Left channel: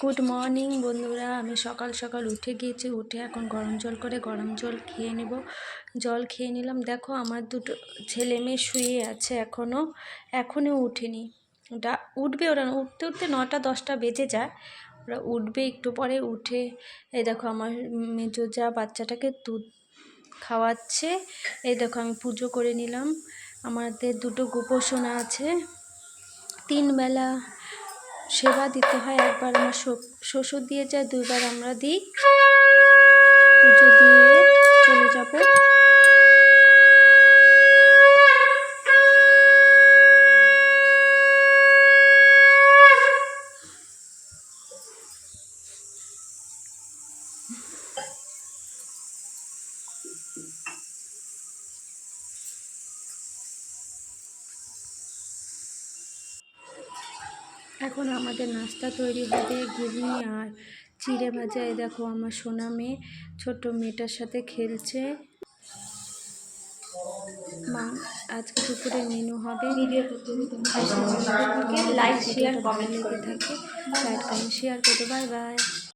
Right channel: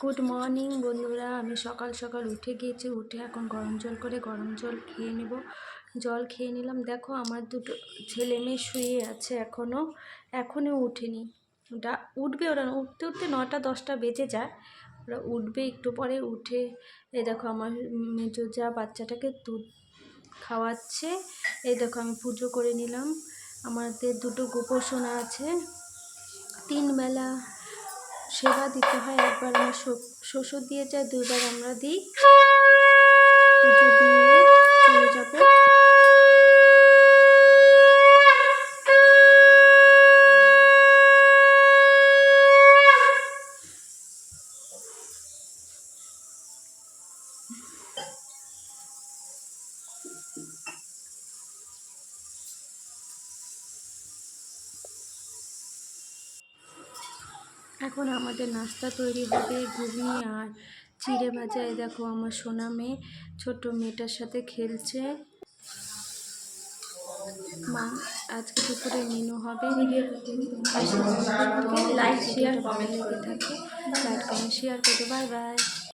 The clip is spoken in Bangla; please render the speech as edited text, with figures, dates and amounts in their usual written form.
গুড মর্নিং বন্ধুরা। আমি সকাল সকাল উঠে গিয়েছি, উঠে এখন গরম জল করে গরম জল খেয়ে নেব। জল খেয়ে নিলাম। দেখো আমার দুটো ছেলে মেয়ে শুয়ে আছে, এখনও উঠেনি। ওটা উঠবে, ওরা উঠতে উঠতে 9টা-10টা বেজে যায়। ওরা উঠবে একটু পরে। উঠে এই দেখো আমার মেজো যা বাচ্চাটাকে দুধ খাওয়াচ্ছে। এই দেখো আমি পুজো করে নিলাম। আমাদের দুটো গোপোষণা আছে, 3 বেলা সেবা দিতে হয়। একবার আমার শ্বশুর দিয়ে যায়, 2বার আমরা দিই। পুজো দিয়ে চলে যাব। এখন আমাদের নাস্তা তৈরি হবে, ঘুগনি আর চিড়ে ভাজা। এই দেখো আমার সোনা মেয়ে ছোট মেয়েটার সাথে খেলছে। আজকে দুপুরে মেনু হবে লাইক শেয়ার কমেন্ট থাকে। লাইক কমেন্ট শেয়ার করো। Bye bye.